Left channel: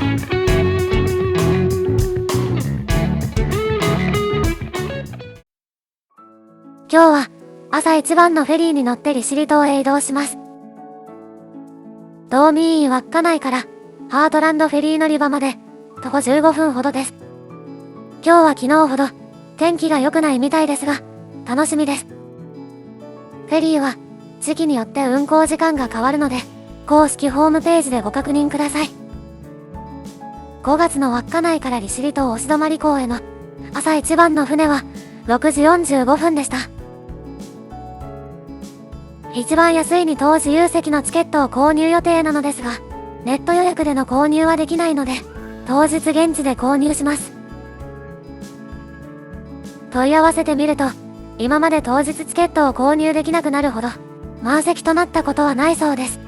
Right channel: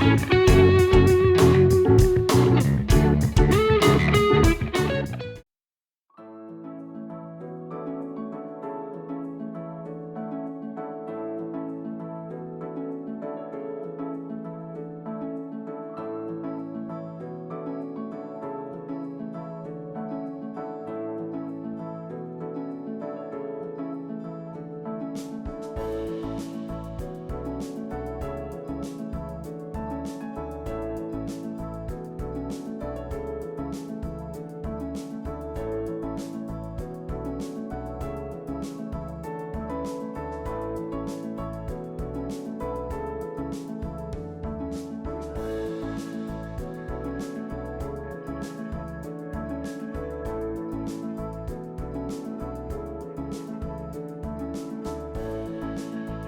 今日は朝一番のフェリーに乗って利尻島へ移動します。道民院稚内からハートランドフェリー乗り場まで徒歩15分ほどです。今日は昨日ほど天気が良くないみたいですが楽しみです。フェリーは時期によって運航時間が変わるので公式ホームページでご確認ください。5月の稚内から利尻島押泊港への朝一番の船は6時45分でした。一番安いに当自由席のチケットを購入予定なのですが、ネット予約での購入はできないので、当日現地で購入します。問い合わせてみると、今まで当日チケットを購入できなくなるほど、満席となったことはないそうです。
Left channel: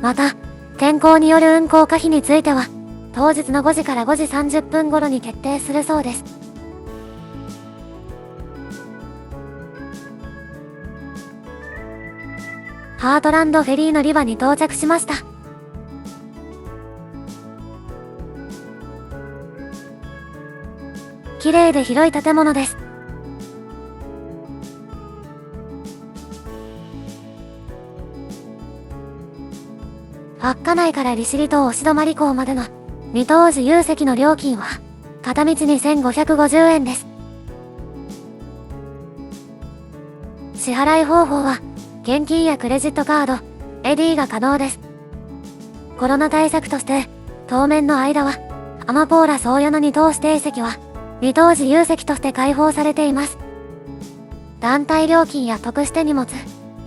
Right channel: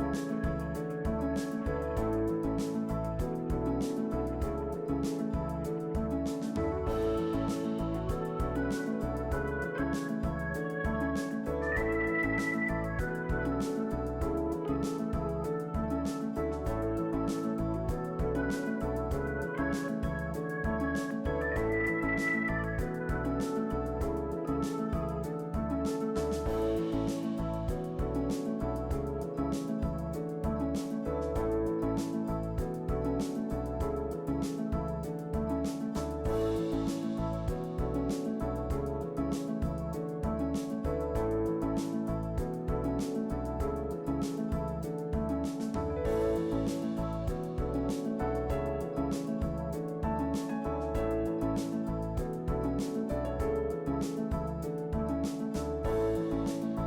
また、天候による運航可否については、当日の5時から5時30分頃に決定するそうです。ハートランドフェリー乗り場に到着しました。綺麗で広い建物です。稚内から利尻島押泊港までの2等自由席の料金は片道2550円です。支払い方法は現金やクレジットカード、エディが可能です。コロナ対策として当面の間はアマポーラ宗谷の2等指定席は2等自由席として開放されています。団体料金や得して荷物、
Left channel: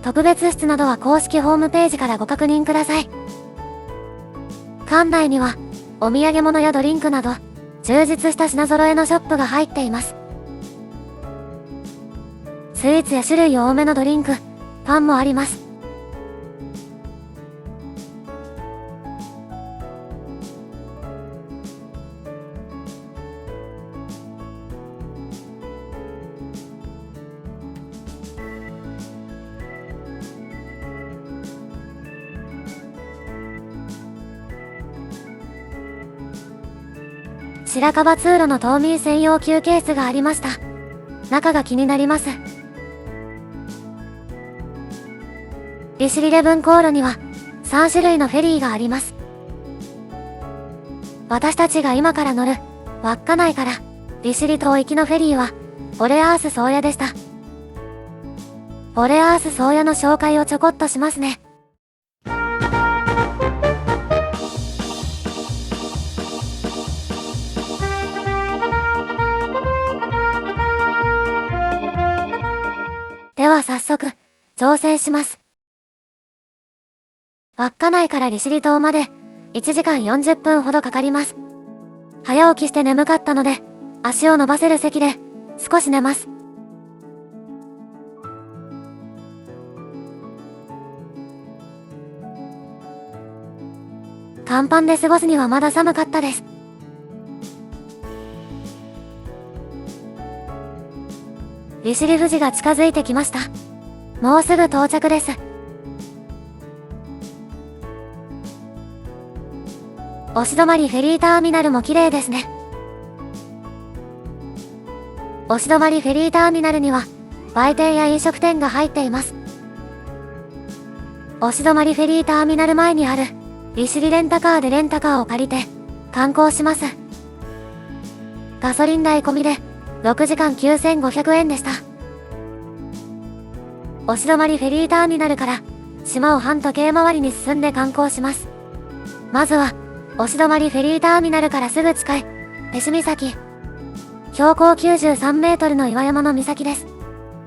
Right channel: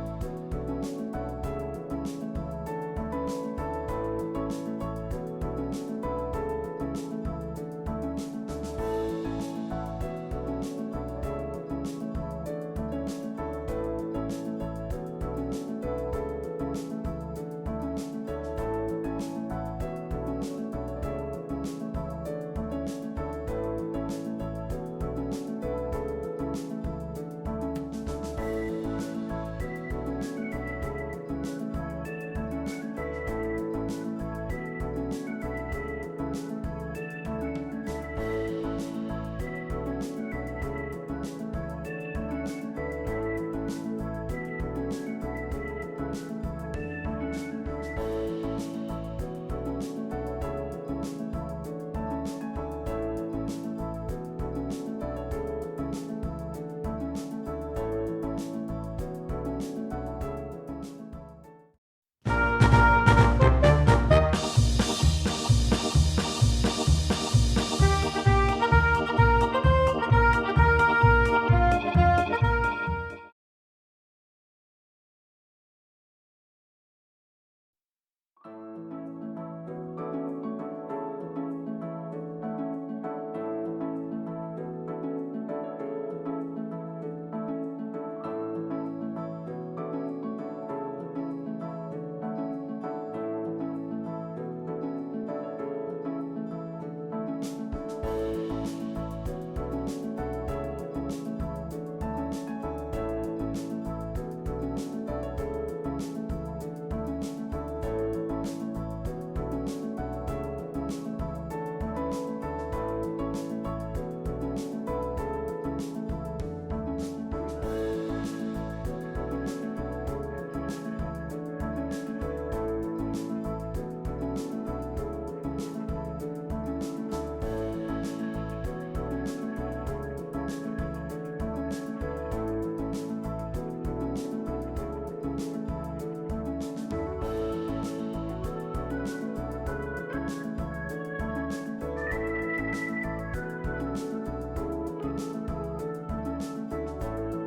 特別室などは公式ホームページからご確認ください。館内にはお土産物やドリンクなど充実した品揃えのショップが入っています。スイーツや種類多めのドリンク、パンもあります。白樺通路の島民専用休憩室がありました。中が気になります。利尻レブン航路には3種類のフェリーがあります。私たちが今から乗る稚内から利尻島行きのフェリーはボレアース宗谷でした。ボレアース宗谷の紹介をちょこっとしますね。では早速乗船します。稚内から利尻島まで1時間40分ほどかかります。早起きして眠かったので足を伸ばせる席で少し寝ます。甲板で過ごすにはまだ寒かったです。利尻富士が近づいてきました。もうすぐ到着です。押泊フェリーターミナルも綺麗ですね。押泊フェリーターミナルには売店や飲食店が入っています。押泊フェリーターミナル前にある利尻レンタカーでレンタカーを借りて観光します。ガソリン代込みで6時間9500円でした。押泊フェリーターミナルから島を反時計回りに進んで観光します。まずは押泊フェリーターミナルからすぐ近いペシ岬、標高93メートルの岩山の岬です。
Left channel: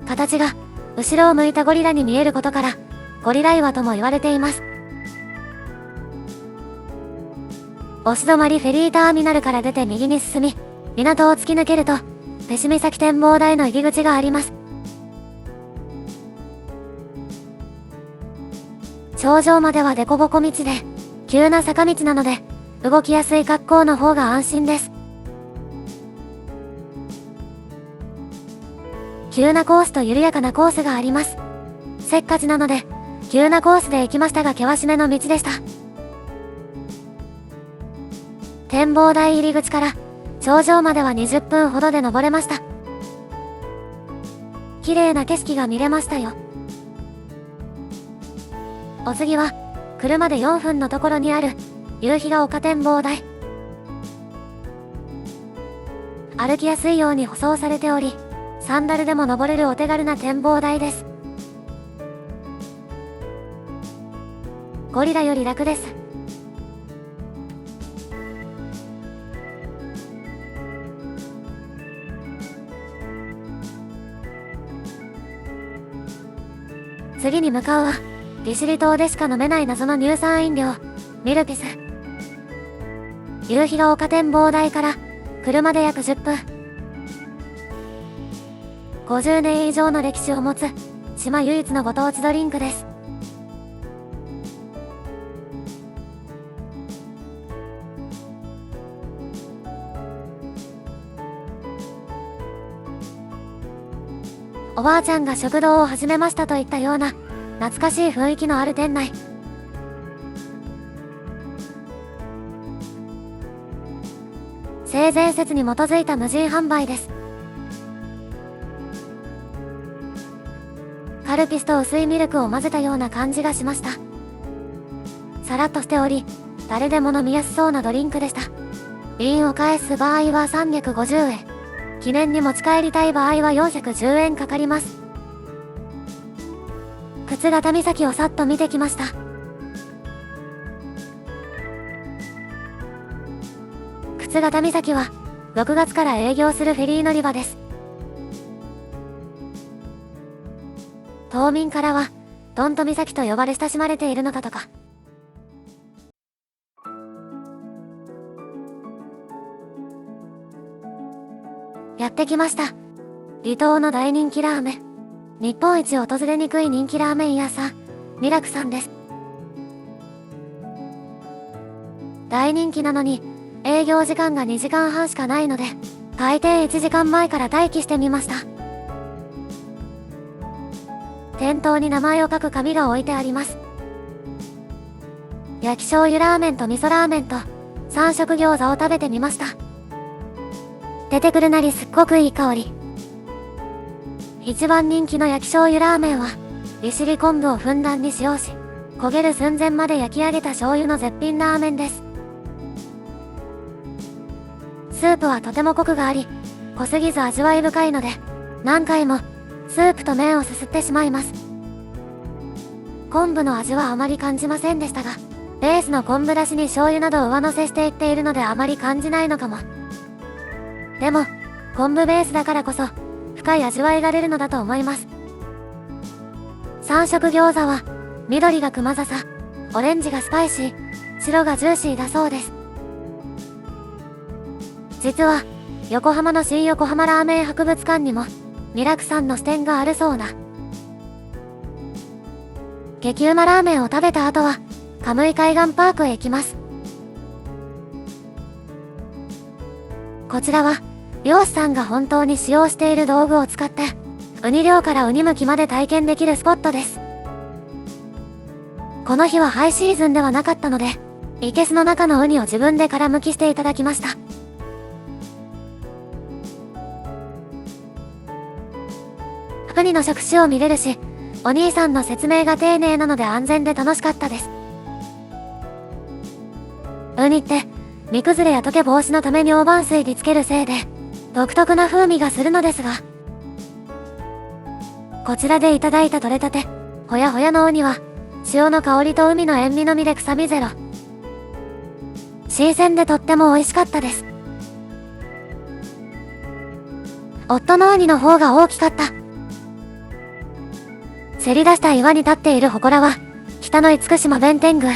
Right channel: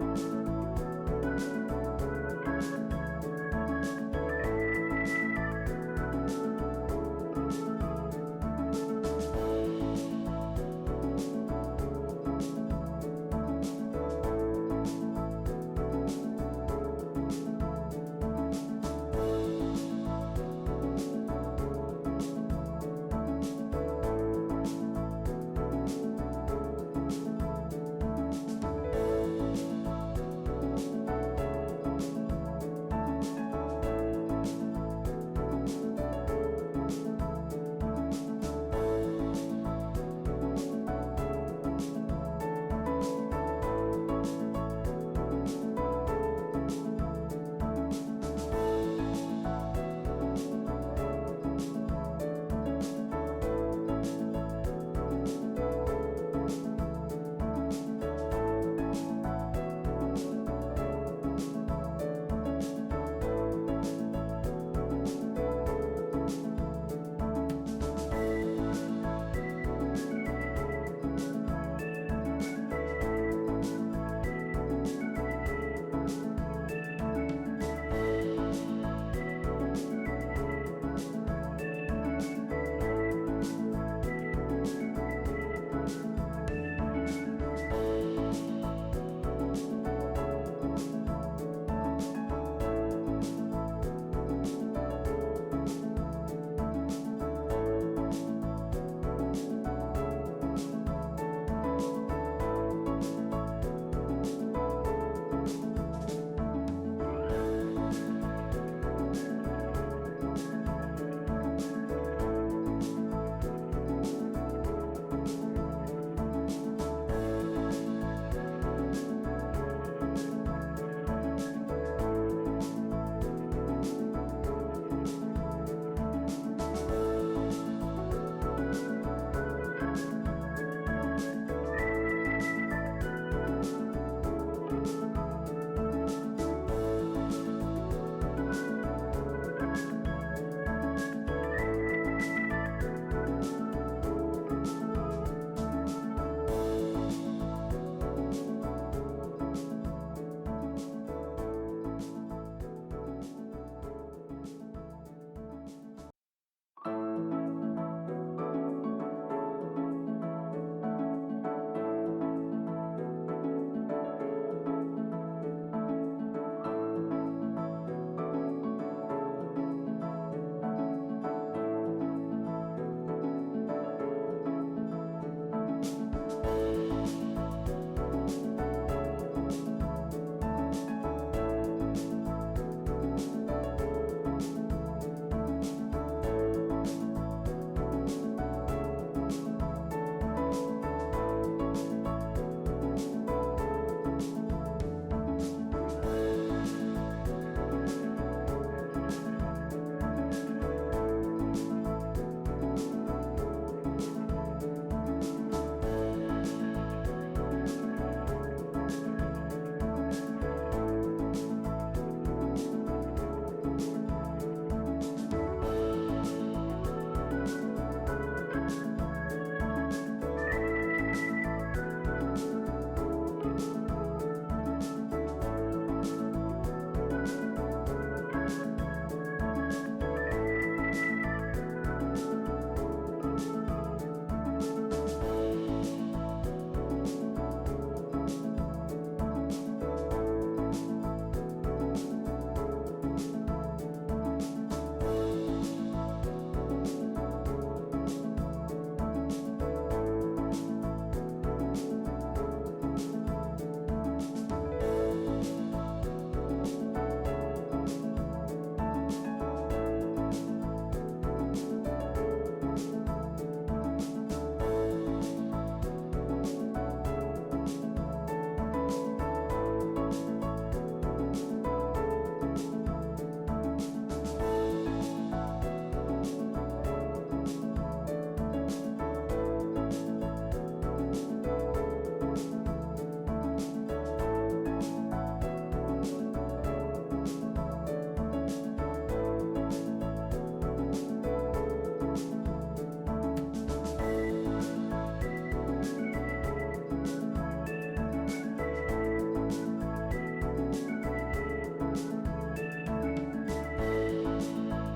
形が後ろを向いたゴリラに見えることからゴリラ岩とも言われています。押泊フェリーターミナルから出て右に進み、港を突き抜けるとペシ岬展望台の入り口があります。頂上までは凸凹道で急な坂道なので動きやすい格好の方が安心です。急なコースと緩やかなコースがあります。せっかちなので急なコースで行きましたが険しめの道でした。展望台入り口から頂上までは20分ほどで登れました。綺麗な景色が見れましたよ。お次は車で4分のところにある夕日が丘展望台。歩きやすいように舗装されており、サンダルでも登れるお手軽な展望台です。ゴリラより楽です。次に向かうは利尻島でしか飲めない謎の乳酸飲料ミルピス。夕日が丘展望台から車で約10分。50年以上の歴史を持つ島唯一のご当地ドリンクです。おばあちゃんが食堂を始めましたといったような懐かしい雰囲気のある店内。性善説に基づいた無人販売です。カルピスと薄いミルクを混ぜたような感じがしました。さらっとしており誰でも飲みやすそうなドリンクでした。瓶を返す場合は350円、記念に持ち帰りたい場合は410円かかります。沓形岬をさっと見てきました。沓形岬は6月から営業するフェリー乗り場です。島民からはどんと岬と呼ばれ親しまれているのだとか。やってきました。離島の大人気ラーメン。日本一訪れにくい人気ラーメン屋さん、味楽さんです。大人気なのに営業時間が2時間半しかないので、開店1時間前から待機してみました。店頭に名前を書く紙が置いてあります。焼き醤油ラーメンと味噌ラーメンと3色餃子を食べてみました。出てくるなりすっごくいい香り。一番人気の焼き醤油ラーメンは利尻昆布をふんだんに使用し、焦げる寸前まで焼き上げた醤油の絶品ラーメンです。スープはとてもコクがあり、濃すぎず味わい深いので何回もスープと麺をすすってしまいます。昆布の味はあまり感じませんでしたが、ベースの昆布だしに醤油などを上乗せしていっているのであまり感じないのかも。でも昆布ベースだからこそ深い味わいが出るのだと思います。3色餃子は緑が熊笹、オレンジがスパイシー、白がジューシーだそうです。実は横浜の新横浜ラーメン博物館にも味楽さんの支店があるそうな。激うまラーメンを食べた後はカムイ海岸パークへ行きます。こちらは漁師さんが本当に使用している道具を使ってウニ漁からウニ剥きまで体験できるスポットです。この日はハイシーズンではなかったので、生けすの中のウニを自分で殻剥きしていただきました。ウニの触手を見れるし、お兄さんの説明が丁寧なので安全で楽しかったです。ウニって身崩れや溶け防止のために大判水につけるせいで独特な風味がするのですが、こちらでいただいた取れたてほやほやのウニは塩の香りと海の塩味のみで臭みゼロ。新鮮でとっても美味しかったです。夫のウニの方が大きかった。せり出した岩に立っている祠は北の厳島弁天宮。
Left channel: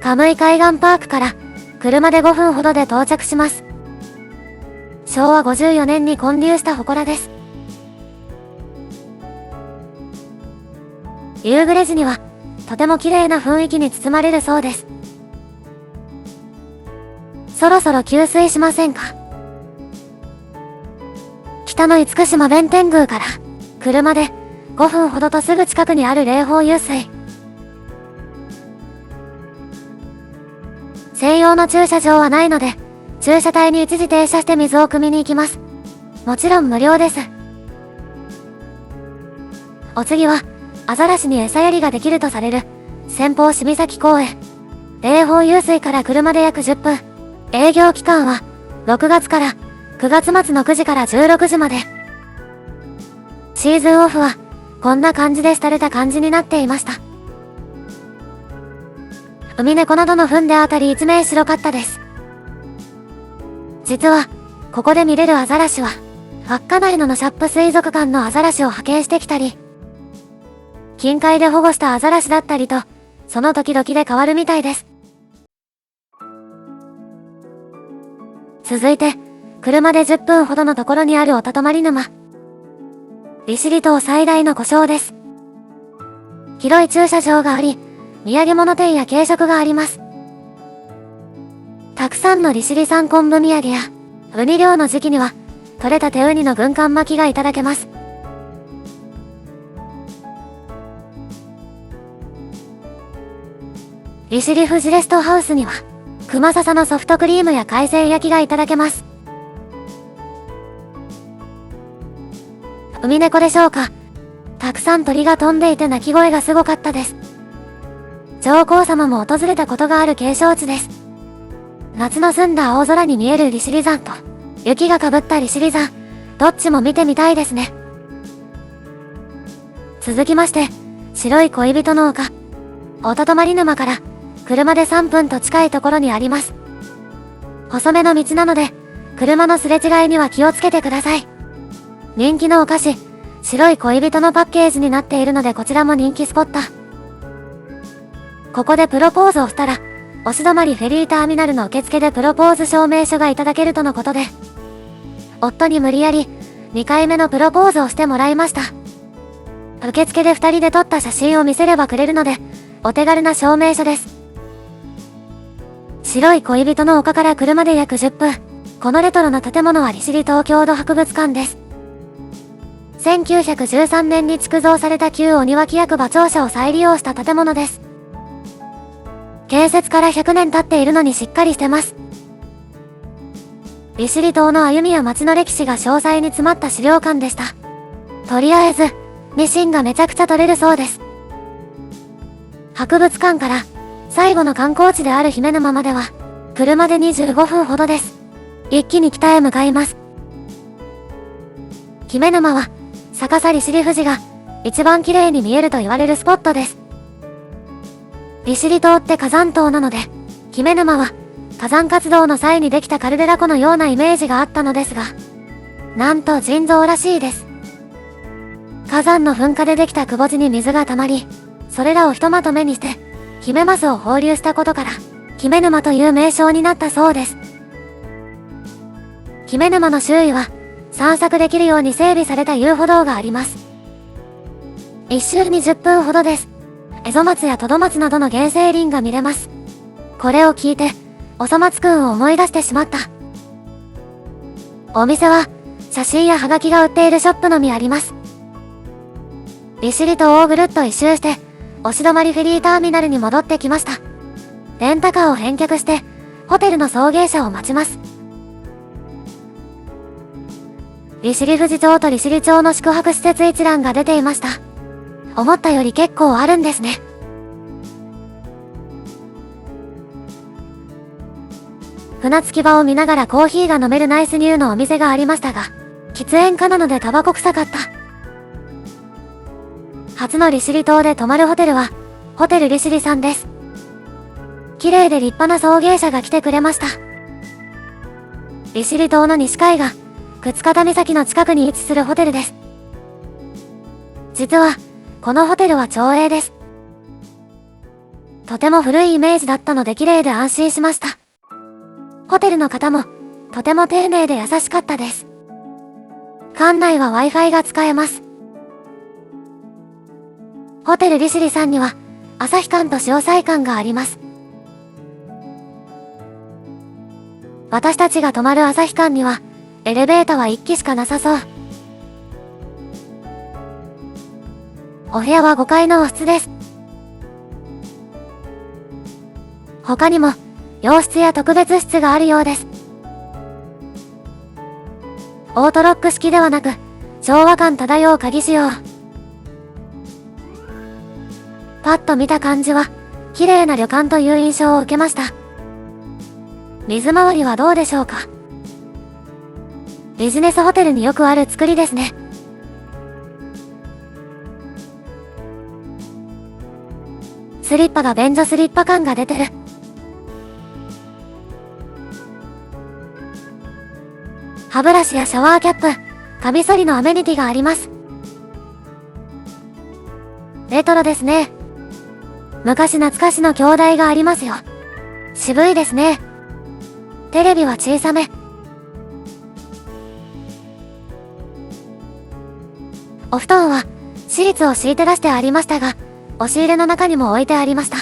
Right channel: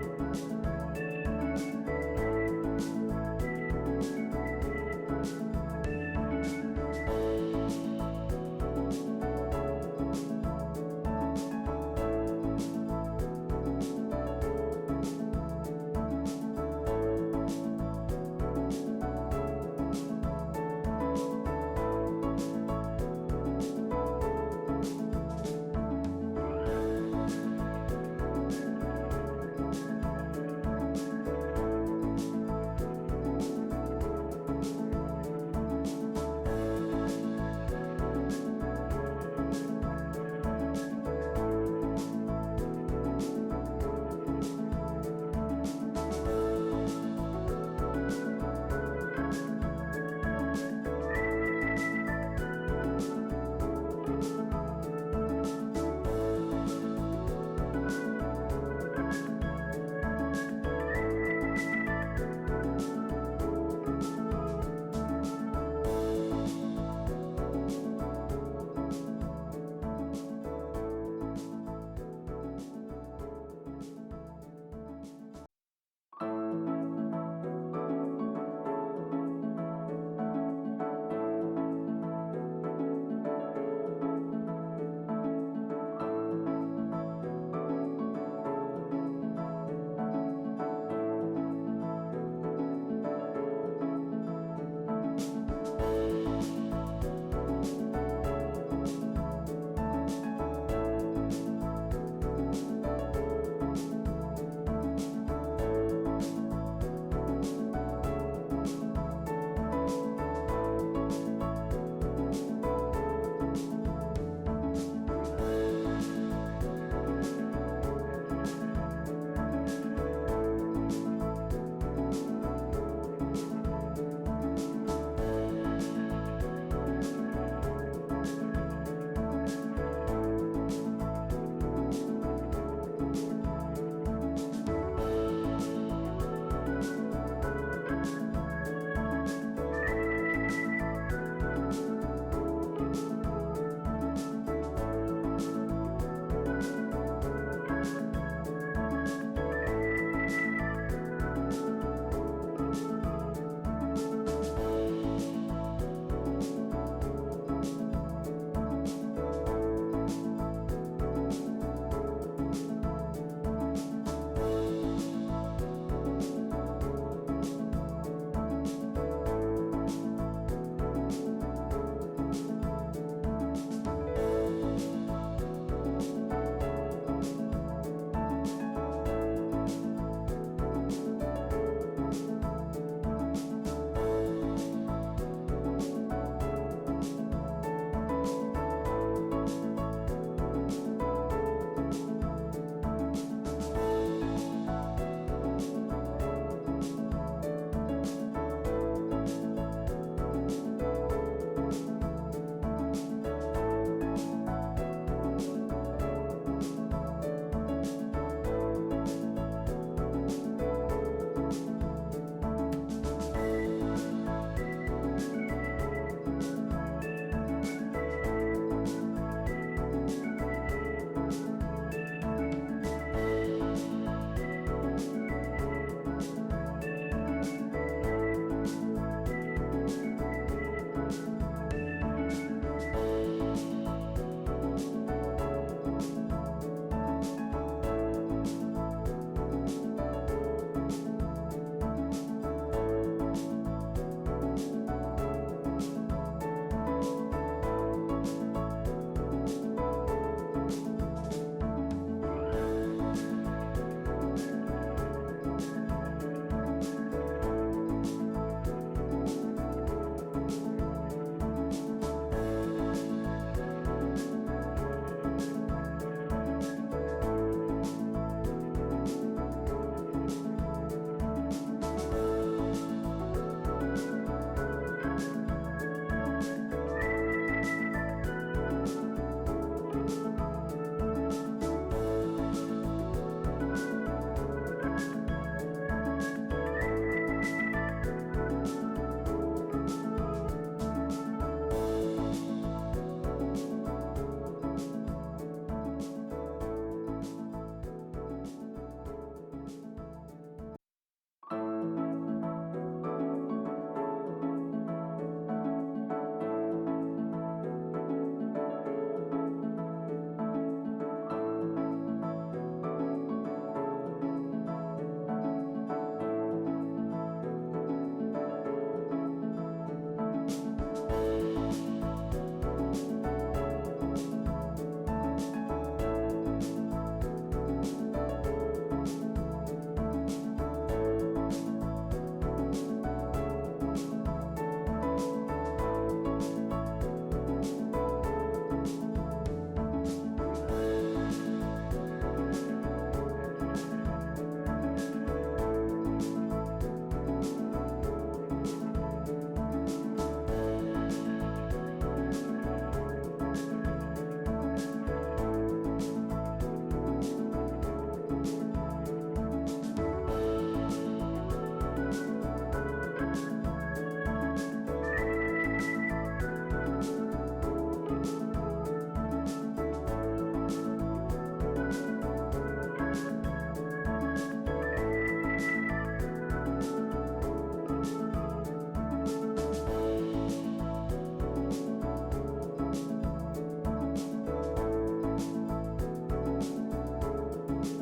カムイ海岸パークから車で5分ほどで到着します。昭和54年に建立した祠です。夕暮れ時にはとても綺麗な雰囲気に包まれるそうです。そろそろ給水しませんか？北の厳島弁天宮から車で5分ほどとすぐ近くにある霊峰湧水。専用の駐車場はないので、駐車帯に一時停車して水を汲みに行きます。もちろん無料です。お次は、アザラシに餌やりができるとされる、先方渋崎公園。霊峰湧水から車で約10分。営業期間は、6月から9月末の9時から16時まで。シーズンオフは、こんな感じで廃れた感じになっていました。ウミネコなどの糞であたり一面白かったです。実は、ここで見れるアザラシは、稚内のシャップ水族館のアザラシを派遣してきたり、近海で保護したアザラシだったりと、その時々で変わるみたいです。続いて、車で10分ほどのところにあるおたとまり沼。利尻島最大の湖沼です。広い駐車場があり、土産物店や軽食があります。たくさんの利尻産昆布土産や、ウニ漁の時期には、取れたてウニの軍艦巻きがいただけます。利尻富士レストハウスには、熊笹のソフトクリームや海鮮焼きがいただけます。ウミネコでしょうか。たくさん鳥が飛んでいて鳴き声がすごかったです。上皇様も訪れたことがある景勝地です。夏の澄んだ青空に見える利尻山と、雪がかぶった利尻山、どっちも見てみたいですね。続きまして、白い恋人の丘。おたとまり沼から、車で3分と近いところにあります。細めの道なので、車のすれ違いには気をつけてください。人気のお菓子、白い恋人のパッケージになっているのでこちらも人気スポット。ここでプロポーズをしたら、押し止まりフェリーターミナルの受付でプロポーズ証明書がいただけるとのことで、夫に無理やり2回目のプロポーズをしてもらいました。受付で2人で撮った写真を見せればくれるので、お手軽な証明書です。白い恋人の丘から車で約10分。このレトロな建物は利尻東京土博物館です。1913年に築造された旧鬼脇役場庁舎を再利用した建物です。建設から100年経っているのにしっかりしてます。利尻島の歩みや街の歴史が詳細に詰まった資料館でした。とりあえず、ニシンがめちゃくちゃ取れるそうです。博物館から最後の観光地である姫沼までは、車で25分ほどです。一気に北へ向かいます。姫沼は、逆さ利尻富士が一番綺麗に見えると言われるスポットです。利尻島って火山島なので、姫沼は火山活動の際にできたカルデラ湖のようなイメージがあったのですが、なんと腎臓らしいです。火山の噴火でできた窪地に水が溜まり、それらをひとまとめにして、ヒメマスを放流したことから、姫沼という名称になったそうです。姫沼の周囲は、散策できるように整備された遊歩道があります。一周に10分ほどです。エゾマツやトドマツなどの原生林が見れます。これを聞いて、おそ松くんを思い出してしまった。お店は、写真やハガキが売っているショップのみあります。利尻島をぐるっと一周して、押し止まりフェリーターミナルに戻ってきました。レンタカーを返却して、ホテルの送迎車を待ちます。利尻富士町と利尻町の宿泊施設一覧が出ていました。思ったより結構あるんですね。船着き場を見ながらコーヒーが飲めるナイスニューのお店がありましたが、喫煙家なのでタバコ臭かった。初の利尻島で泊まるホテルは、ホテル利尻さんです。綺麗で立派な送迎車が来てくれました。利尻島の西海岸、沓方岬の近くに位置するホテルです。実は、このホテルは町営です。とても古いイメージだったので綺麗で安心しました。ホテルの方も、とても丁寧で優しかったです。館内は Wi-Fi が使えます。ホテル利尻さんには、旭館と潮騒館があります。私たちが泊まる旭館には、エレベーターは1機しかなさそう。お部屋は5階の和室です。他にも、洋室や特別室があるようです。オートロック式ではなく、昭和感漂う鍵仕様。パッと見た感じは、綺麗な旅館という印象を受けました。水回りはどうでしょうか。ビジネスホテルによくある作りですね。スリッパが便所スリッパ感が出てる。歯ブラシやシャワーキャップ、カミソリのアメニティがあります。レトロですね。昔懐かしの鏡台がありますよ。渋いですね。テレビは小さめ。お布団はシーツを敷いて出してありましたが、押し入れの中にも置いてありました。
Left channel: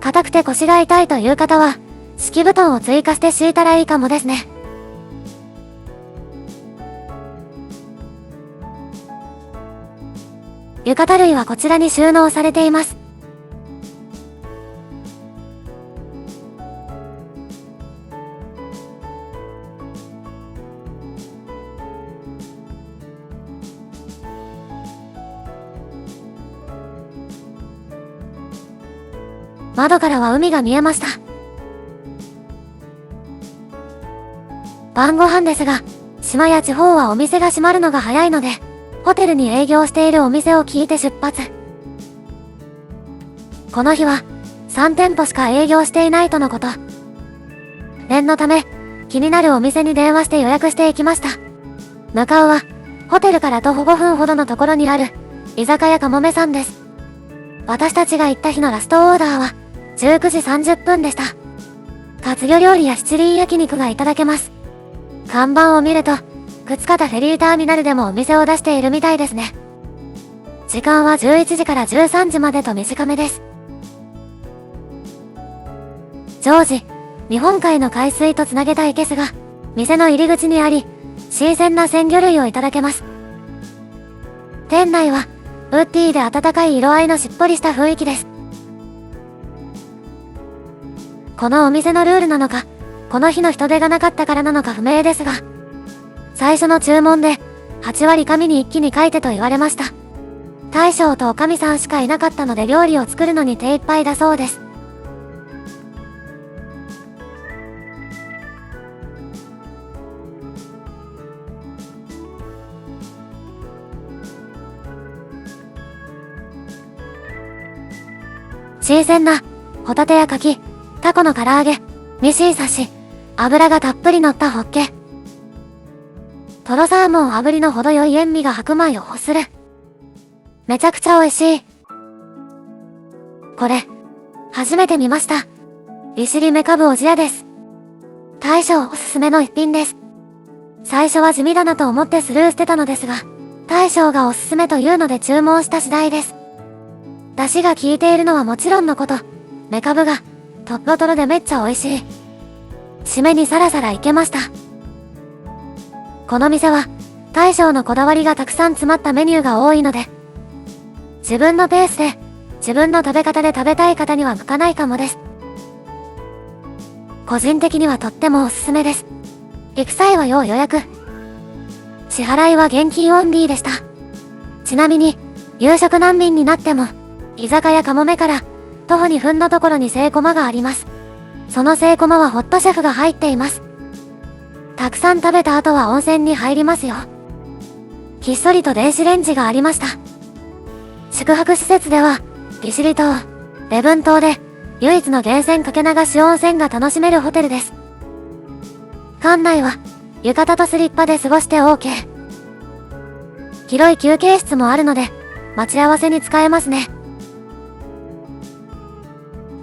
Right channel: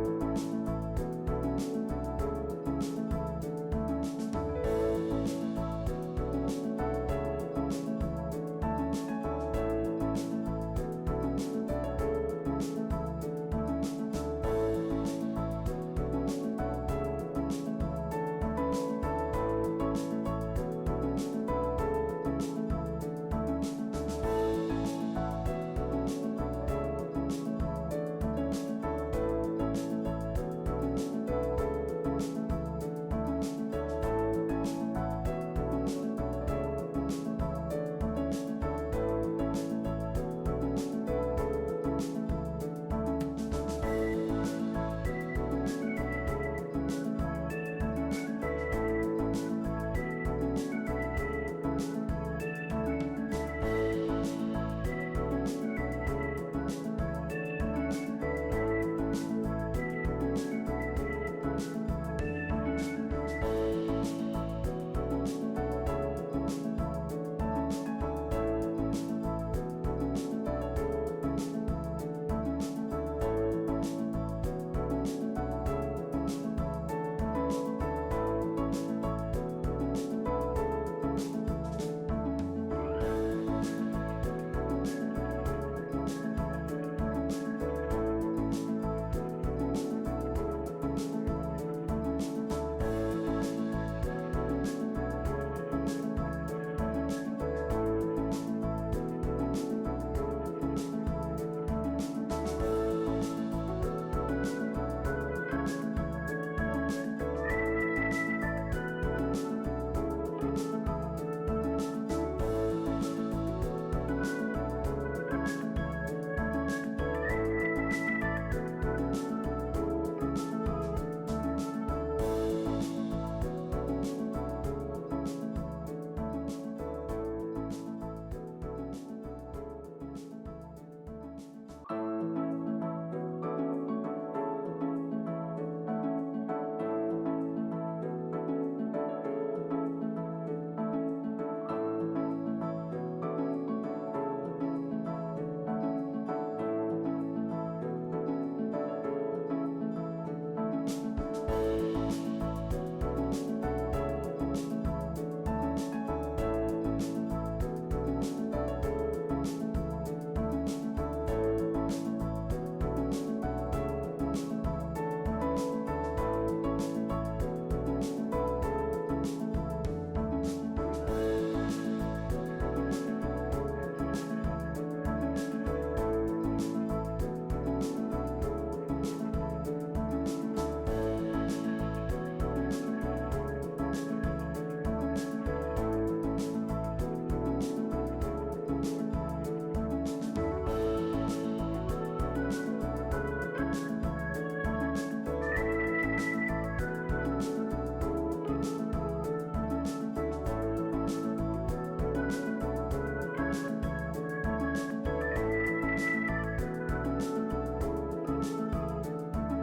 硬くて腰が痛いという方は、敷布団を追加して敷いたらいいかもですね。浴衣類はこちらに収納されています。窓からは海が見えました。晩ご飯ですが、島や地方はお店が閉まるのが早いので、ホテルに営業しているお店を聞いて出発。この日は3店舗しか営業していないとのこと。念のため気になるお店に電話して予約していきました。向かうはホテルから徒歩5分ほどのところにある居酒屋かもめさんです。私たちが行った日のラストオーダーは19時30分でした。活魚料理や七輪焼肉がいただけます。看板を見ると靴方フェリーターミナルでもお店を出しているみたいですね。時間は11時から13時までと短めです。常時日本海の海水とつなげたいけすが店の入り口にあり、新鮮な鮮魚類をいただけます。店内はウッディで温かい色合いのしっぽりした雰囲気です。このお店のルールなのか、この日の人手がなかったからなのか不明ですが、最初の注文で8割紙に一気に書いてと言われました。大将とおかみさんしかいなかったので料理を作るのに手一杯だそうです。新鮮なホタテやカキ、タコの唐揚げ、ミシン刺し、油がたっぷり乗ったホッケ、トロサーモン炙りの程よい塩味が白米を欲する。めちゃくちゃ美味しい。これ、初めて見ました。利尻メカブおじやです。大将おすすめの一品です。最初は地味だなと思ってスルーしてたのですが、大将がおすすめというので注文した次第です。出汁が効いているのはもちろんのこと、メカブがとろとろでめっちゃ美味しい。締めにサラサラいけました。この店は大将のこだわりがたくさん詰まったメニューが多いので、自分のペースで自分の食べ方で食べたい方には向かないかもです。個人的にはとってもおすすめです。行く際は要予約。支払いは現金オンリーでした。ちなみに夕食難民になっても居酒屋かもめから徒歩2分のところにセイコマがあります。そのセイコマはホットシェフが入っています。たくさん食べた後は温泉に入りますよ。ひっそりと電子レンジがありました。宿泊施設では利尻島、礼文島で唯一の源泉かけ流し温泉が楽しめるホテルです。館内は浴衣とスリッパで過ごして OK。 広い休憩室もあるので待ち合わせに使えますね。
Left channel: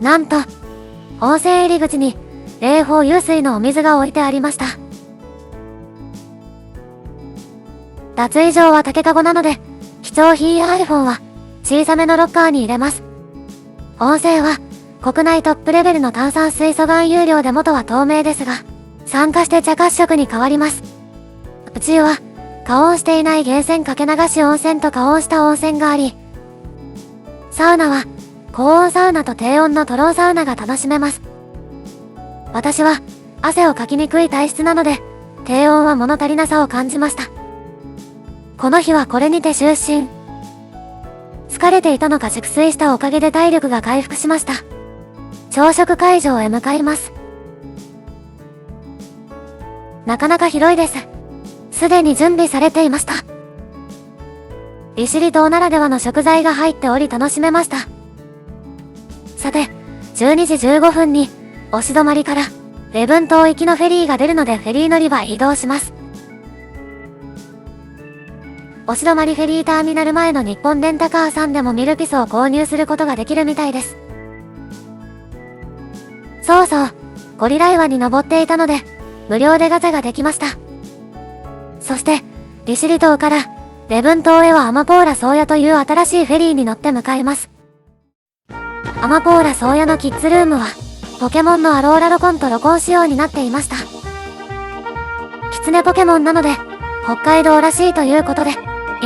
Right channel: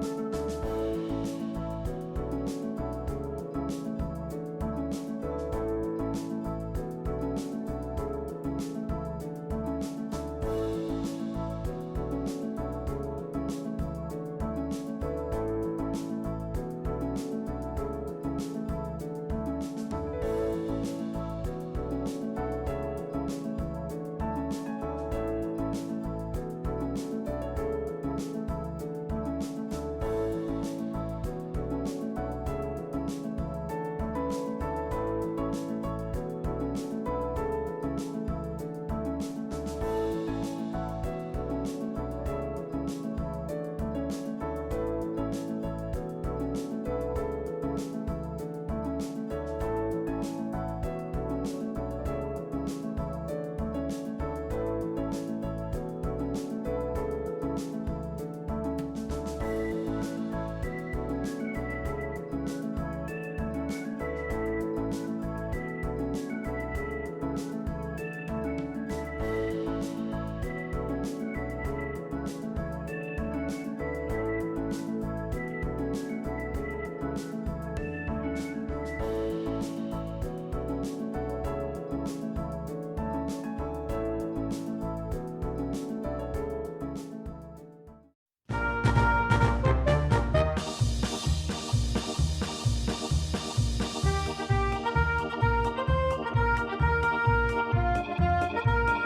なんと温泉入り口に冷房湧水のお水が置いてありました。脱衣場は竹かごなので貴重品や iPhone は小さめのロッカーに入れます。温泉は国内トップレベルの炭酸水素含有量で元は透明ですが、酸化して茶褐色に変わります。宇宙は加温していない源泉かけ流し温泉と加温した温泉があり、サウナは高温サウナと低温のトローサウナが楽しめます。私は汗をかきにくい体質なので低温は物足りなさを感じました。この日はこれにて就寝。疲れていたのか熟睡したおかげで体力が回復しました。朝食会場へ向かいます。なかなか広いです。すでに準備されていました。利尻島ならではの食材が入っており楽しめました。さて、12時15分に押し止まりから礼文島行きのフェリーが出るのでフェリー乗り場へ移動します。押し止まりフェリーターミナル前の日本レンタカーさんでもミルピスを購入することができるみたいです。そうそう、ゴリラ岩に登っていたので無料でガチャができました。そして利尻島から礼文島へはアマポーラ宗谷という新しいフェリーに乗って向かいます。アマポーラ宗谷のキッズルームはポケモンのアローラロコンとロコン仕様になっていました。キツネポケモンなので北海道らしいということで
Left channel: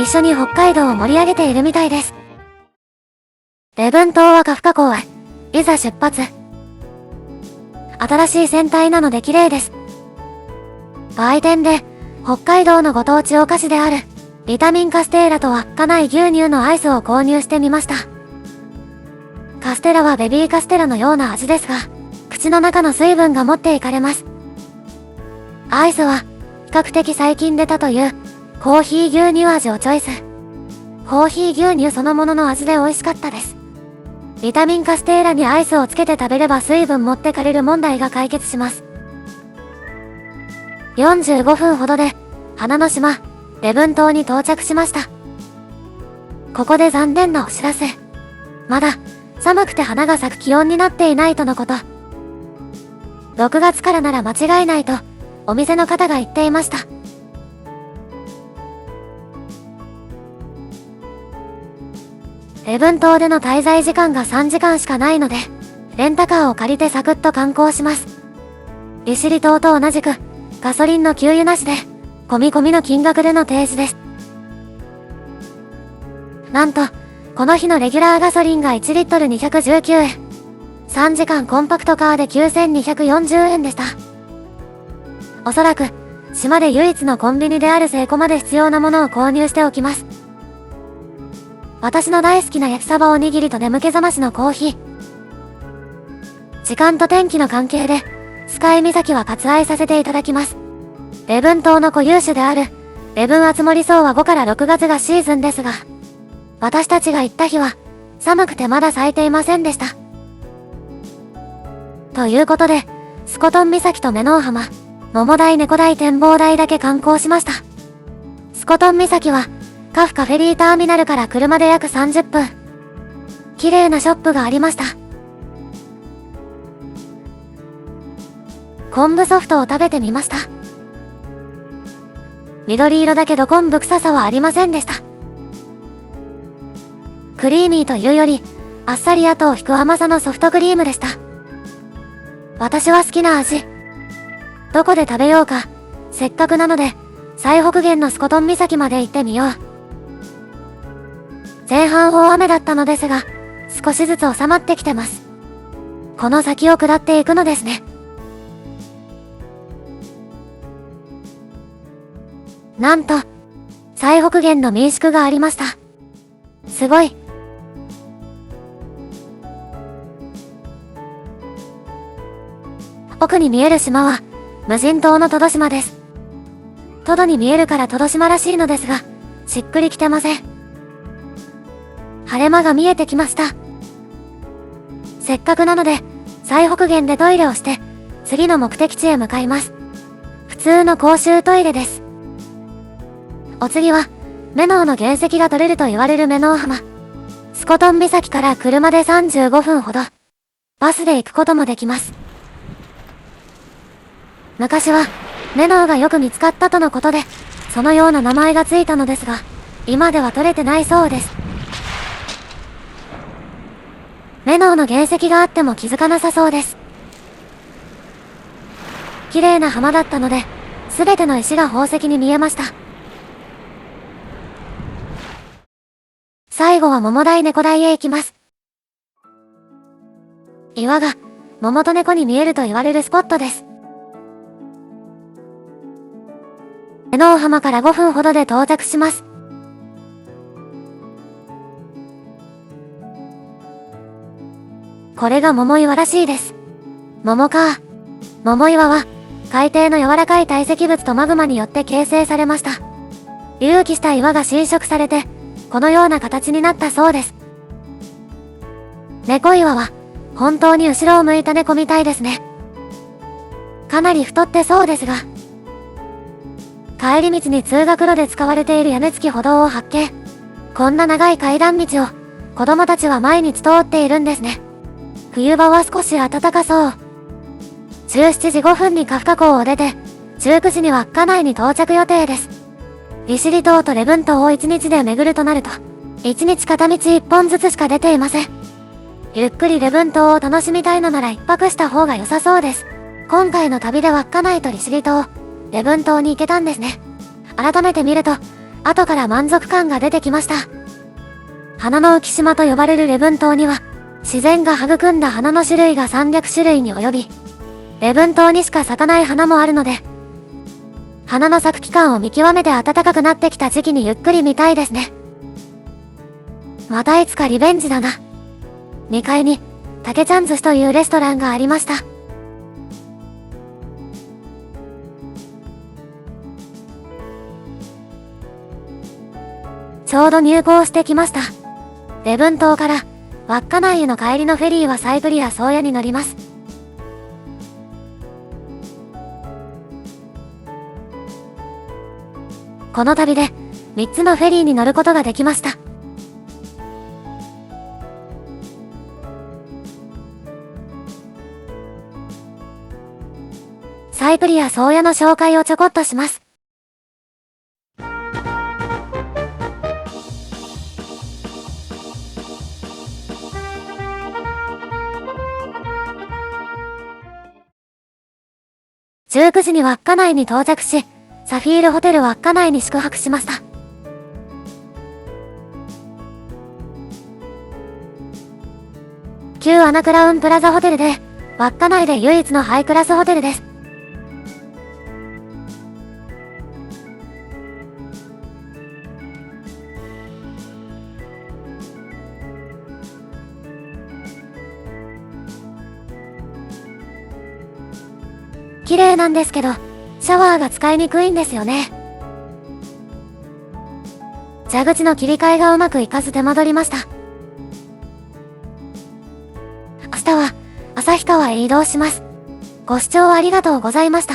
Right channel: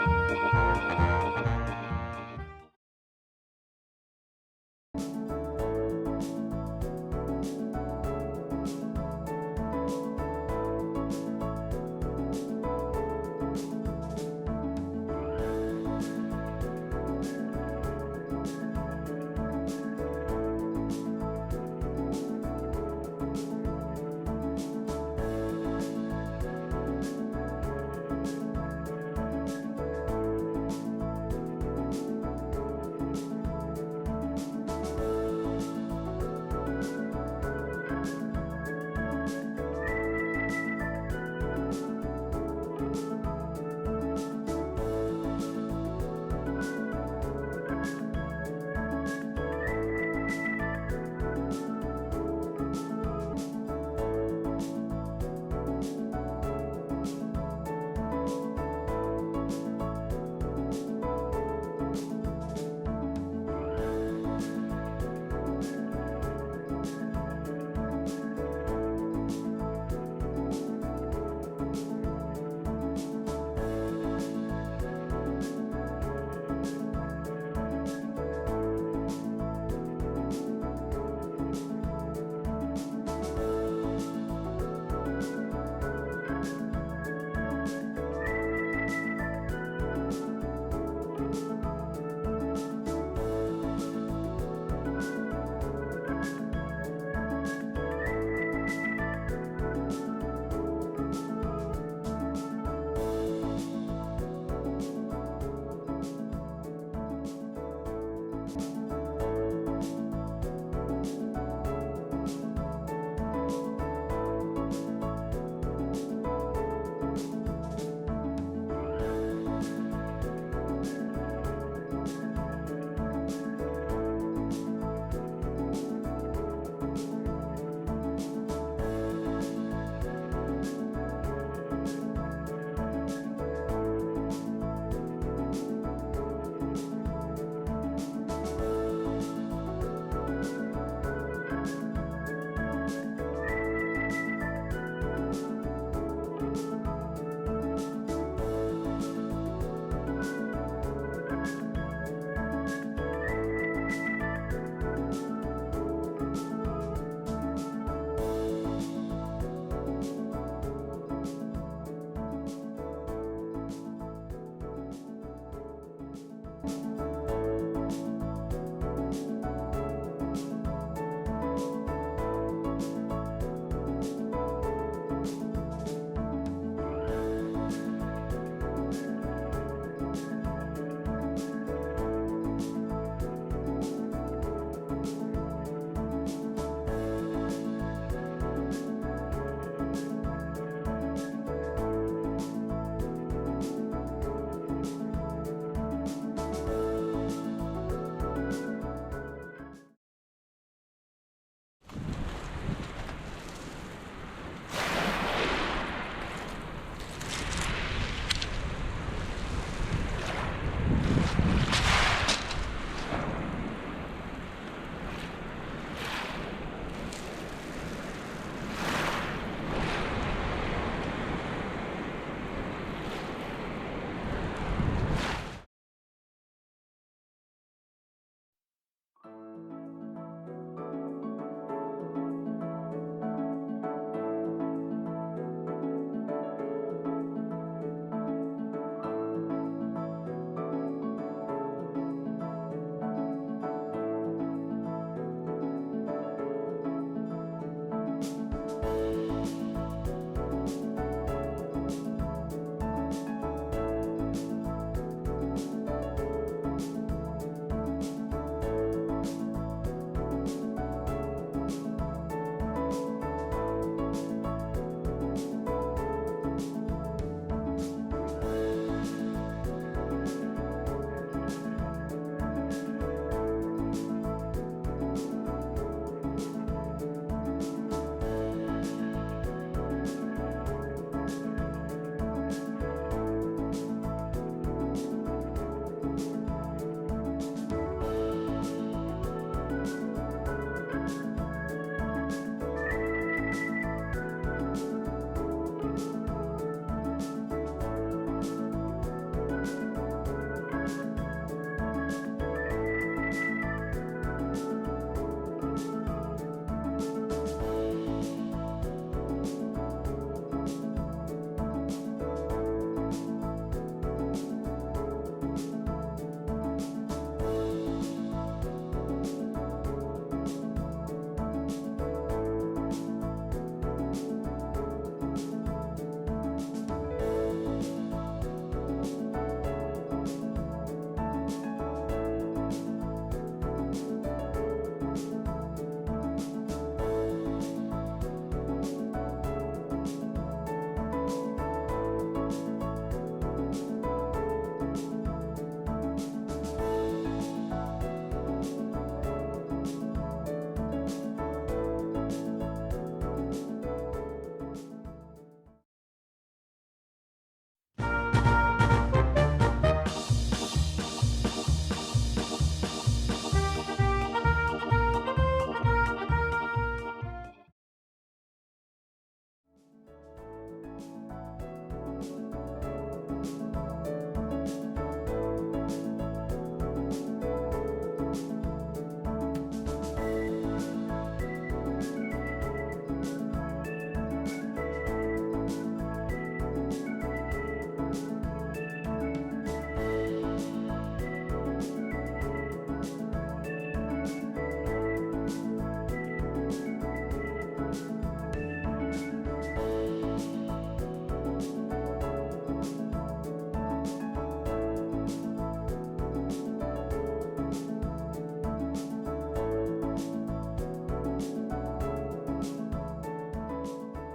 一緒に北海道を盛り上げているみたいです。礼文島はカフカ港へいざ出発。新しい船体なので綺麗です。売店で北海道のご当地お菓子であるビタミンカステーラと稚内牛乳のアイスを購入してみました。カステラはベビーカステラのような味ですが口の中の水分が持っていかれます。アイスは比較的最近出たというコーヒー牛乳味をチョイス。コーヒー牛乳そのものの味で美味しかったです。ビタミンカステーラにアイスをつけて食べれば水分持ってかれる問題が解決します。45分ほどで花の島礼文島に到着しました。ここで残念なお知らせ。まだ寒くて花が咲く気温になっていないとのこと。6月からなら間違いないとお店の方が言っていました。礼文島での滞在時間が3時間しかないのでレンタカーを借りてサクッと観光します。利尻島と同じくガソリンの給油なしで込み込みの金額での提示です。なんとこの日のレギュラーガソリンが1リットル219円、3時間コンパクトカーで9240円でした。おそらく島で唯一のコンビニであるセイコまで必要なものを購入しておきます。私の大好きな焼きサバおにぎりと眠気覚ましのコーヒー。時間と天気の関係でスカイ岬は割愛させていただきます。礼文島の固有種である礼文アツモリソウは5から6月がシーズンですが私たちが行った日は寒くてまだ咲いていませんでした。ということでスコトン岬とメノウ浜、桃台猫台展望台だけ観光しました。スコトン岬はカフカフェリーターミナルから車で約30分。綺麗なショップがありました。昆布ソフトを食べてみました。緑色だけど昆布臭さはありませんでした。クリーミーというよりあっさり後を引く甘さのソフトクリームでした。私は好きな味。どこで食べようか。せっかくなので最北限のスコトン岬まで行ってみよう。前半大雨だったのですが少しずつ収まってきてます。この先を下っていくのですね。なんと最北限の民宿がありました。すごい。奥に見える島は無人島のトド島です。トドに見えるからトド島らしいのですがしっくりきてません。晴れ間が見えてきました。せっかくなので最北限でトイレをして次の目的地へ向かいます。普通の公衆トイレです。お次はメノウの原石が取れると言われるメノウ浜。スコトン岬から車で35分ほど。バスで行くこともできます。昔はメノウがよく見つかったとのことでそのような名前がついたのですが今では取れてないそうです。メノウの原石があっても気づかなさそうです。綺麗な浜だったので全ての石が宝石に見えました。最後は桃台猫台へ行きます。岩が桃と猫に見えると言われるスポットです。江能浜から5分ほどで到着します。これが桃岩らしいです。桃か。桃岩は海底の柔らかい堆積物とマグマによって形成されました。隆起した岩が浸食されてこのような形になったそうです。猫岩は本当に後ろを向いた猫みたいですね。かなり太ってそうですが、帰り道に通学路で使われている屋根付き歩道を発見。こんな長い階段道を子供たちは毎日通っているんですね。冬場は少し暖かそう。17時5分にカフカ港を出て、19時には稚内に到着予定です。利尻島と礼文島を1日で巡るとなると、1日片道1本ずつしか出ていません。ゆっくり礼文島を楽しみたいのなら1泊した方が良さそうです。今回の旅では稚内と利尻島、礼文島に行けたんですね。改めて見ると、後から満足感が出てきました。花の浮島と呼ばれる礼文島には、自然が育んだ花の種類が300種類に及び、礼文島にしか咲かない花もあるので、花の咲く期間を見極めて暖かくなってきた時期にゆっくり見たいですね。またいつかリベンジだな。2階に、竹ちゃん寿司というレストランがありました。ちょうど入港してきました。礼文島から稚内への帰りのフェリーはサイプリア宗谷に乗ります。この旅で3つのフェリーに乗ることができました。サイプリア宗谷の紹介をちょこっとします。19時には稚内に到着し、サフィールホテル稚内に宿泊しました。旧アナクラウンプラザホテルで、稚内で唯一のハイクラスホテルです。綺麗なんですけど、シャワーが使いにくいんですよね。蛇口の切り替えがうまくいかず手間取りました。明日は旭川へ移動します。ご視聴ありがとうございました。